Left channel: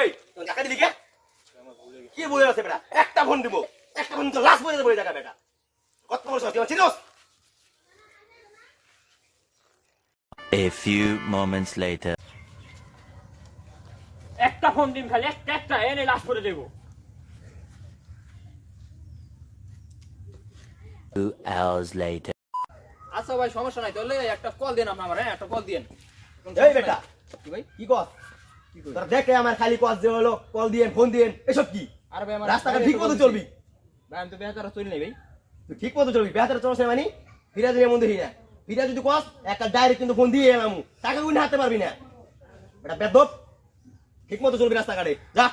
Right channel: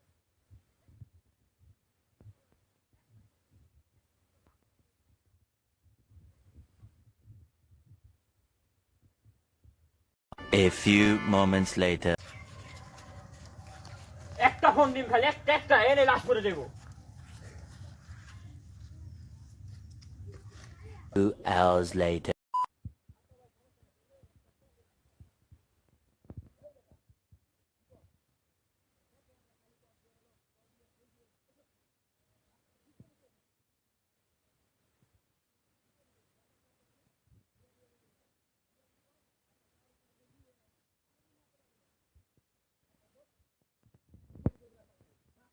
এই তোর টাকা দিলি কে? কি বলে আছে বেটা? একটা ফোন দিব, একটা ফোন তো লাশ বলে দেবো টাকা বেটা। কত বড় সাহস, তুই চিনোস? A few moments later. একটা ফোন দিন খালি একটা এনে লাশ করে দেবো। 2 hours later. আচ্ছা ভাই সমস্যা নাই, তাহলে একটা কল দেন আপনি আমার, হ্যাঁ একটা কল দেন। এই বেটা কি ভাই? কি কর? তোরা দেখে আমার খালি কল যে হলো কল দিয়েন ফোন দিয়েন এসব কি? আরে ভাই আমার রাস্তাটা ঠিক মতো চলবি, ভাই আমি তো বেহাতারা চলি নাই ভাই। তুই ঠিক মতো চলবি। বেহাতের চলছে মানে ফিরা দিলে মন দেখি না। ফিরা যদি কস একটা ডাইরেক্ট কিন্তু ফোন দিয়ে এলাম, টাকা গুনে হাতে পারবি না বেটা। বেদব ঠিক মতো চলবি রাস্তাঘাটে, যা।